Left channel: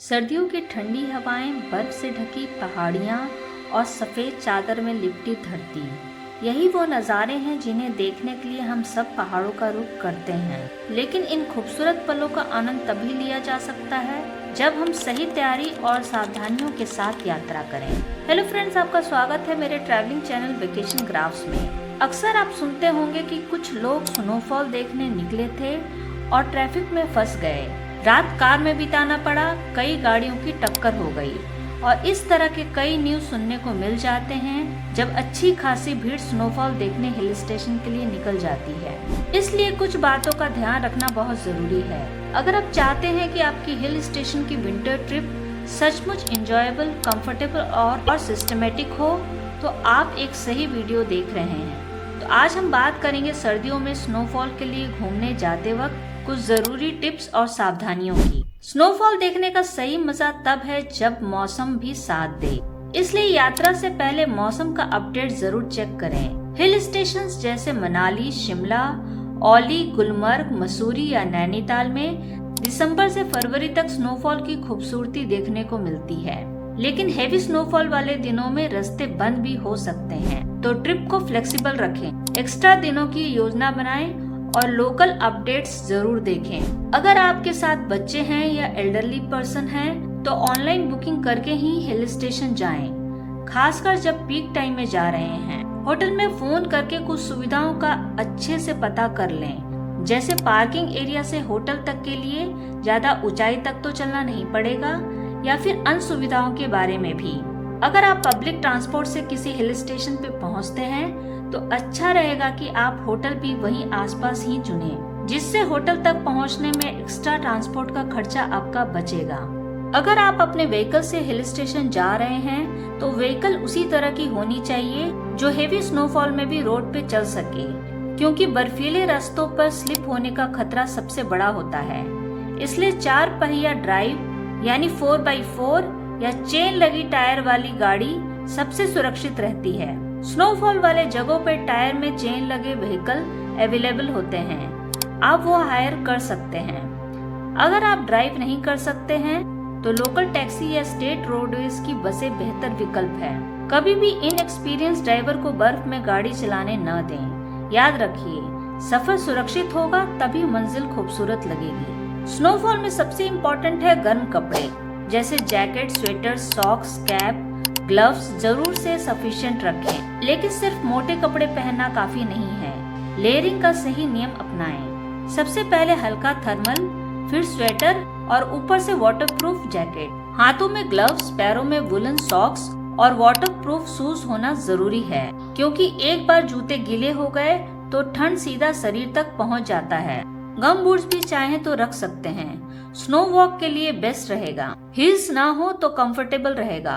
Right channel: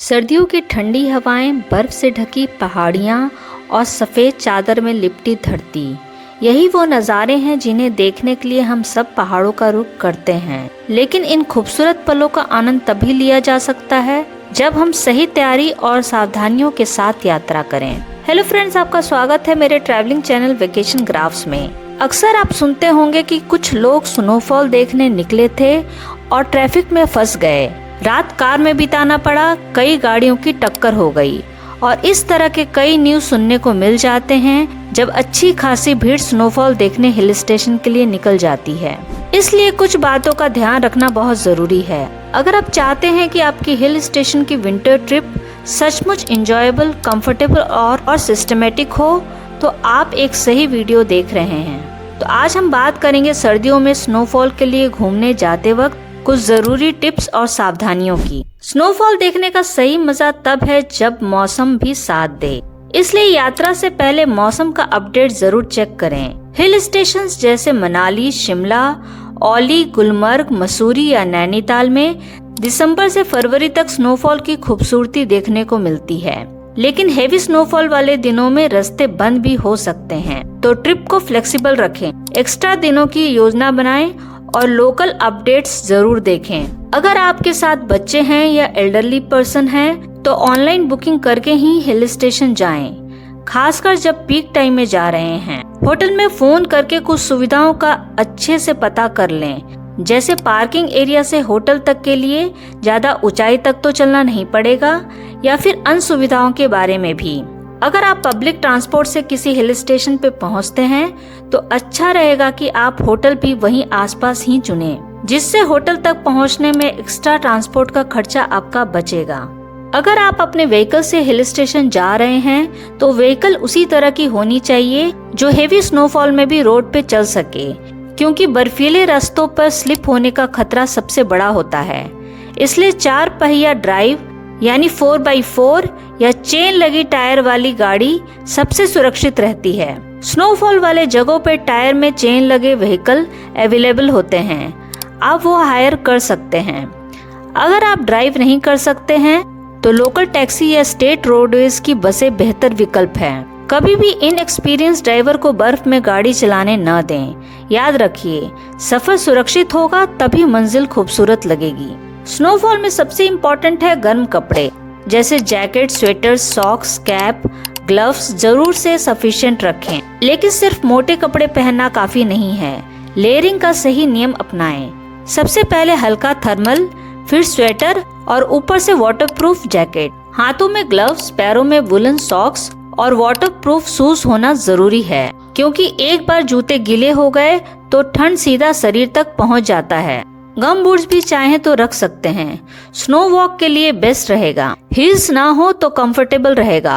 सर्दियों की ठंडी हवाएं, बर्फ से ढकी पहाड़ियां और सफ़ेद चादर में लिपटी धरती, यही वो नज़ारे हैं जिन्हें देखने के लिए हम सब पहाड़ों का रुख करते हैं। लेकिन इन खूबसूरत पलों का आनंद तभी लिया जा सकता है जब हम सही तैयारी और सावधानियों के साथ यात्रा करें। हेलो फ्रेंड्स, आपका स्वागत है मेरे ट्रैवलिंग चैनल वेकेशन ग्राफ्स में। अक्सर आप सुनते होंगे कि कुछ लोग स्नोफॉल देखने निकले थे और ट्रैफिक में फंस गए, रात कार में बिताना पड़ा, कई गाड़ियों की टक्कर हो गई और इस तरह के कई न्यूज़ सुनने को मिल जाते हैं जब अच्छी खासी भीड़ स्नोफॉल देखने हिल स्टेशन के लिए निकल जाती है। इसलिए कुछ बातों का ध्यान रखना बहुत जरूरी है। अगर आप चाहते हैं कि आपकी हिल स्टेशन की विंटर ट्रिप सचमुच इंजॉयबल, कंफर्टेबल और सिस्टमेटिक हो तो आप एक सही वीडियो देख रहे हैं। तो आज हम बात करेंगे सर्दियों में स्नोफॉल के लिए घूमने जाते वक्त कुछ जरूरी टिप्स और सावधानियों की। स्नोफॉल देखने का सही मजा तब है जब मौसम भी साथ दे, इसलिए यात्रा से पहले मौसम का अपडेट जरूर चेक करें। हिल स्टेशंस जैसे मनाली, शिमला, औली, गुलमर्ग, मसूरी या नैनीताल में दिसंबर से फरवरी तक स्नोफॉल की खूबसूरती देखने को मिलती है, लेकिन हेवी स्नोफॉल वाले दिनों में रास्ते बंद भी हो सकते हैं। तो ट्रिप को फ्लेक्सिबल रखें, एक्स्ट्रा दिनों की योजना बनाएं और लोकल अपडेट्स जरूर देखें। अगर आपके साथ बच्चे हैं या एल्डरली पर्सन हैं तो ऑनलाइन बुकिंग करके ही हिल स्टेशन जाएं, खासकर जब पीक टाइम में जा रहे हैं। होटल में फोन करके कुछ सुविधाओं का अच्छे से पता कर लें, जैसे पार्किंग एरिया से होटल तक के लिए ज्यादा ऊंचाई तक तो चलना नहीं पड़ेगा, या फिर अन्य सुविधाओं के बारे में भी। अगर आप पब्लिक ट्रांसपोर्ट से किसी हिल स्टेशन पे पहुंचते हैं तो अच्छा रहेगा कि आप होटल भी वहीं आसपास ही चुनें, जिससे होटल तक पहुंचने में एक्स्ट्रा ट्रांसपोर्ट का खर्चा आपका बचेगा। अगर आप अपने व्हीकल से हिल स्टेशन जा रहे हैं तो व्हीकल उसी तरह की होनी चाहिए जो हेवी स्नोफॉल में भी रोड पे चल सके, क्योंकि बर्फीले रास्तों पर स्लिप होने का खतरा सबसे बड़ा होता है। इसलिए 4 पहिया ड्राइव यानी 4x4 या चेन लगी टायर वाली गाड़ी सबसे सुरक्षित रहती है। स्नोफॉल वाले जगहों पे टायर में चेन लगे व्हीकल अवेलेबल होते हैं, आप वो हायर कर सकते हैं। अगर आप ड्राइव नहीं कर सकते हैं तो लोकल टैक्सी या स्टेट रोडवेज की बसें बेहतर विकल्प हैं। कभी भी इनएक्सपीरियंस ड्राइवर को बर्फ में गाड़ी चलाने न दें। याद रखिए, सफर सुरक्षित होगा तभी मंजिल खूबसूरत लगेगी। स्नोफॉल में सबसे इम्पोर्टेंट है गर्म कपड़े, जैसे jacket, sweater, socks, cap, gloves जरूर से सफिशिएंट रखें। लेकिन सिर्फ मोटे कपड़े पहनना काफी नहीं है, लेयरिंग का सही नियम अपनाएं। सबसे पहले हल्का थर्मल, फिर स्वेटर और ऊपर से वाटरप्रूफ जैकेट। हाथों में ग्लव्स, पैरों में वुलन सॉक्स और वाटरप्रूफ शूज होना जरूरी है, क्योंकि एक बार जूते गीले हो गए तो ठंड सीधा शरीर तक पहुंच जाता है। गम बूट्स भी चाहे तो रख सकते हैं, स्नो वॉक के लिए बेस्ट रहेगा। हील्स ना हो तो कंफर्टेबल रहेगा।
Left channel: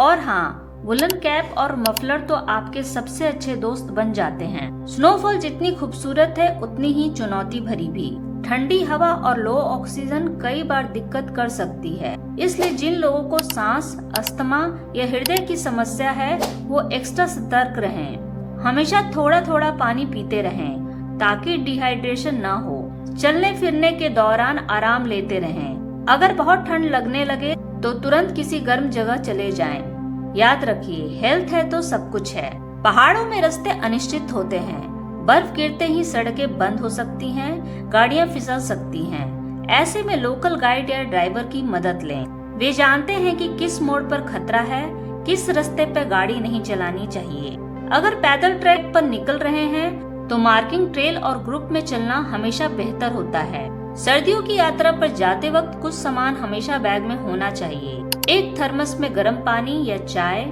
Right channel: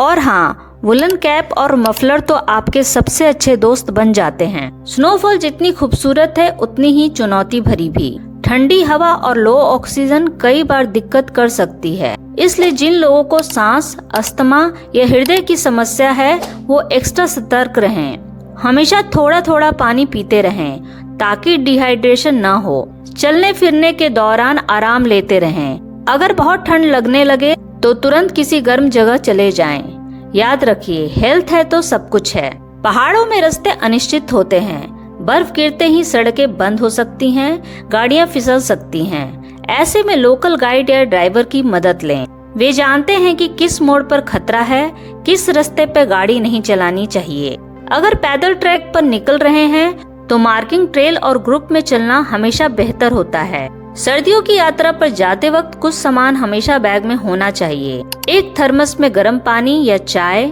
और हाँ, वुलन कैप और मफलर तो आपके सबसे अच्छे दोस्त बन जाते हैं। स्नोफॉल जितनी खूबसूरत है उतनी ही चुनौती भरी भी। ठंडी हवा और लो ऑक्सीजन कई बार दिक्कत कर सकती है, इसलिए जिन लोगों को सांस, अस्थमा या हृदय की समस्या है वो एक्स्ट्रा सतर्क रहें। हमेशा थोड़ा थोड़ा पानी पीते रहें ताकि डिहाइड्रेशन ना हो। चलने फिरने के दौरान आराम लेते रहें। अगर बहुत ठंड लगने लगे तो तुरंत किसी गर्म जगह चले जाएं। याद रखिए, हेल्थ है तो सब कुछ है। पहाड़ों में रास्ते अनिश्चित होते हैं, बर्फ गिरते ही सड़कें बंद हो सकती हैं, गाड़ियां फिसल सकती हैं। ऐसे में लोकल गाइड या ड्राइवर की मदद लें। वे जानते हैं कि किस मोड़ पर खतरा है, किस रास्ते पे गाड़ी नहीं चलानी चाहिए। अगर पैदल ट्रैक पर निकल रहे हैं तो मार्किंग ट्रेल और ग्रुप में चलना हमेशा बेहतर होता है। सर्दियों की यात्रा पर जाते वक्त कुछ सामान हमेशा बैग में होना चाहिए। एक थर्मस में गर्म पानी या चाय,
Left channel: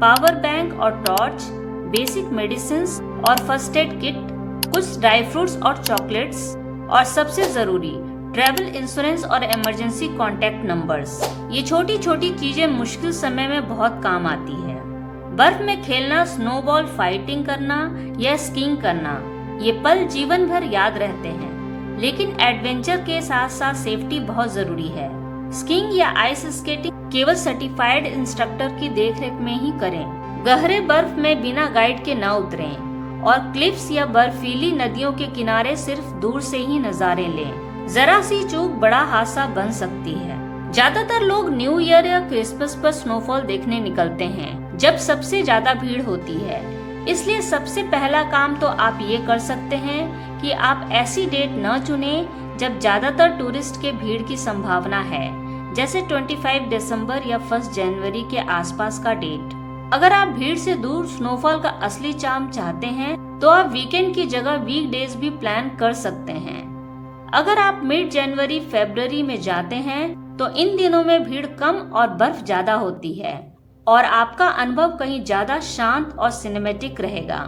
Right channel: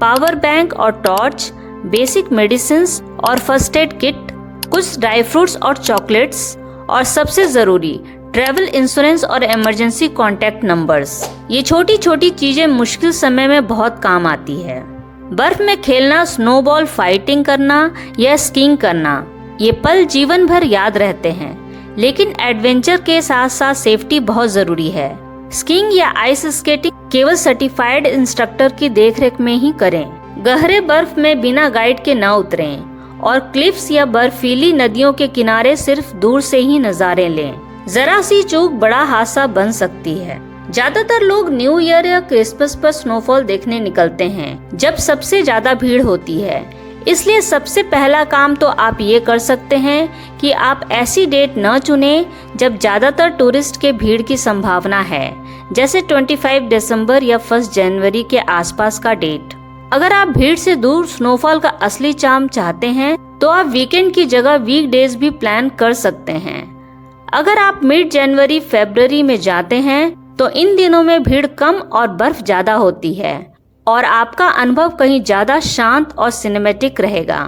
पावर बैंक और टॉर्च, बेसिक मेडिसिन्स और फर्स्ट एड किट, कुछ ड्राई फ्रूट्स और चॉकलेट्स, और सबसे जरूरी ट्रैवल इंश्योरेंस और इमरजेंसी कॉन्टैक्ट नंबर्स। ये छोटी छोटी चीजें मुश्किल समय में बहुत काम आती है। बर्फ में खेलना, स्नोबॉल फाइटिंग करना या स्कीइंग करना, ये पल जीवन भर याद रहते हैं। लेकिन एडवेंचर के साथ साथ सेफ्टी बहुत जरूरी है। स्कीइंग या आइस स्केटिंग केवल सर्टिफाइड इंस्ट्रक्टर की देखरेख में ही करें। गहरे बर्फ में बिना गाइड के न उतरें और क्लिफ्स या बर्फीली नदियों के किनारे सिर्फ दूर से ही नजारे लें। जरा सी चूक बड़ा हादसा बन सकती है। ज्यादातर लोग न्यू ईयर या क्रिसमस पर स्नोफॉल देखने निकलते हैं, जब सबसे ज्यादा भीड़ होती है। इसलिए सबसे पहला काम तो आप ये कर सकते हैं कि आप ऐसी डेट न चुनें जब ज्यादातर टूरिस्ट के भीड़ की संभावना है, जैसे 25 दिसंबर या 1 जनवरी के आसपास का डेट। अगर आप भीड़ से दूर स्नोफॉल का असली चार्म चाहते हैं तो आप वीकेंड की जगह वीकडेज भी प्लान कर सकते हैं। अगर आप मिड जनवरी फरवरी में जाते हैं तो इन दिनों में भीड़ कम और बर्फ ज्यादा होती है और आपका अनुभव कहीं ज्यादा शांत और सिनेमैटिक रहेगा।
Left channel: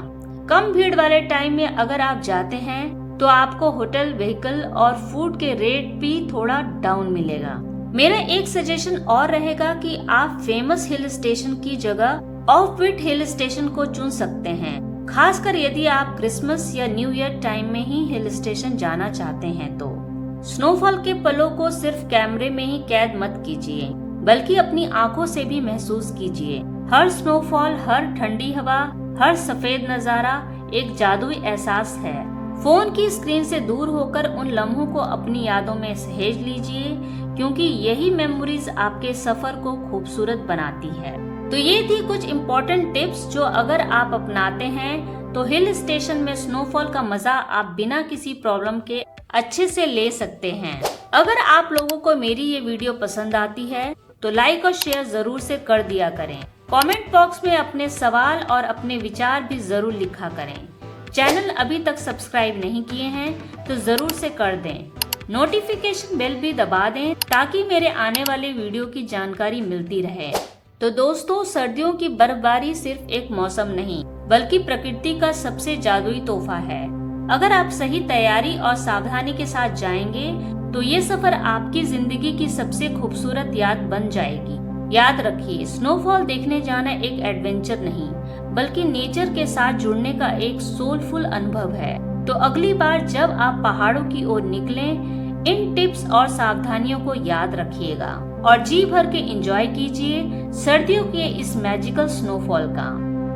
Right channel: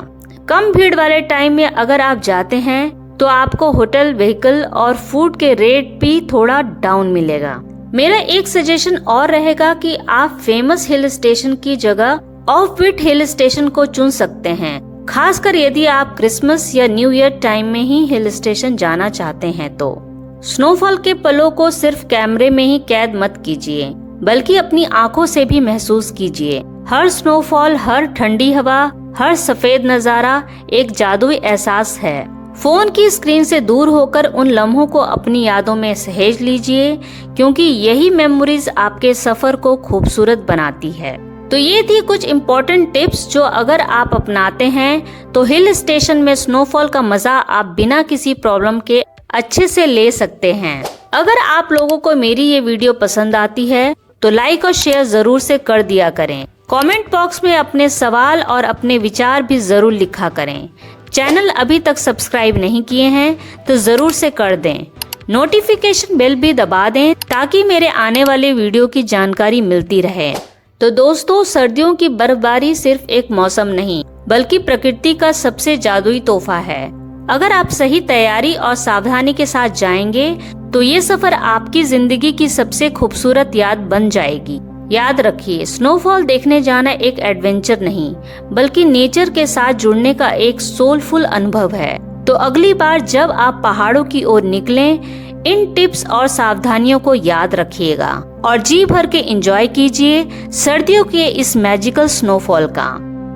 कम भीड़ वाले टाइम में अगर आप जाते हैं तो आपको होटल, व्हीकल और फूड के रेट भी थोड़ा डाउन मिलेगा। मेरा एक सजेशन और रहेगा कि आप फेमस हिल स्टेशन की जगह ऑफ बीट हिल स्टेशन को चुन सकते हैं, खासकर यदि आप क्रिसमस या न्यू ईयर टाइम में ही हिल स्टेशन जाना चाहते हैं तो। स्नोफॉल के पलों को सिर्फ कैमरे में ही कैद मत कीजिए, बल्कि अपनी आंखों से भी महसूस कीजिए। हर स्नोफॉल, हर ठंडी हवा, हर सफेद नजारा एक जादुई एहसास है। फोन की स्क्रीन से दूर होकर उन लम्हों को अपनी यादों में सहेज लीजिए, क्योंकि यही मेमोरीज आपके सफर को खूबसूरत बनाती है। तो ये थी कुछ इम्पोर्टेंट टिप्स जो अगर आप अपनाते हैं तो हिल स्टेशन में स्नोफॉल का मजा आप बिना किसी प्रॉब्लम के अच्छे से ले सकते हैं। अगर आप लोगों को मेरी ये वीडियो पसंद आती है तो लाइक और शेयर जरूर से कर दिया करें। कमेंट बॉक्स में अपने सवाल और अपने विचार भी जरूर लिखा करें। चैनल अभी तक सब्सक्राइब नहीं किए हैं तो जरूर से कर दें। नोटिफिकेशन बेल भी दबा दें ताकि मेरे आने वाले वीडियो की जानकारी मिलती रहे। तो दोस्तों, सर्दियों की बर्फबारी सिर्फ एक मौसम नहीं बल्कि प्रकृति का सबसे जादुई तोहफा है। अगर आप सही तैयारी और सावधानी के साथ जाएंगे तो ये सफर आपकी जिंदगी की सबसे खूबसूरत याद बन जाएगी। याद रखिए, स्नोफॉल देखने जाना एक एडवेंचर नहीं बल्कि नेचर के साथ जुड़ने का एक सोलफुल अनुभव है। तो अगली बार जब आप पहाड़ों की ओर निकलें, इन टिप्स और सावधानियों को याद रखिएगा और जी भर के एंजॉय कीजिए सर्दियों के इस मैजिकल स्नोफॉल का।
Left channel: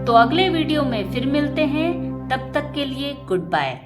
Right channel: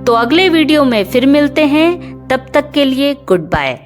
तो अगले वीडियो में फिर मिलते हैं, तब तक के लिए गुड बाय।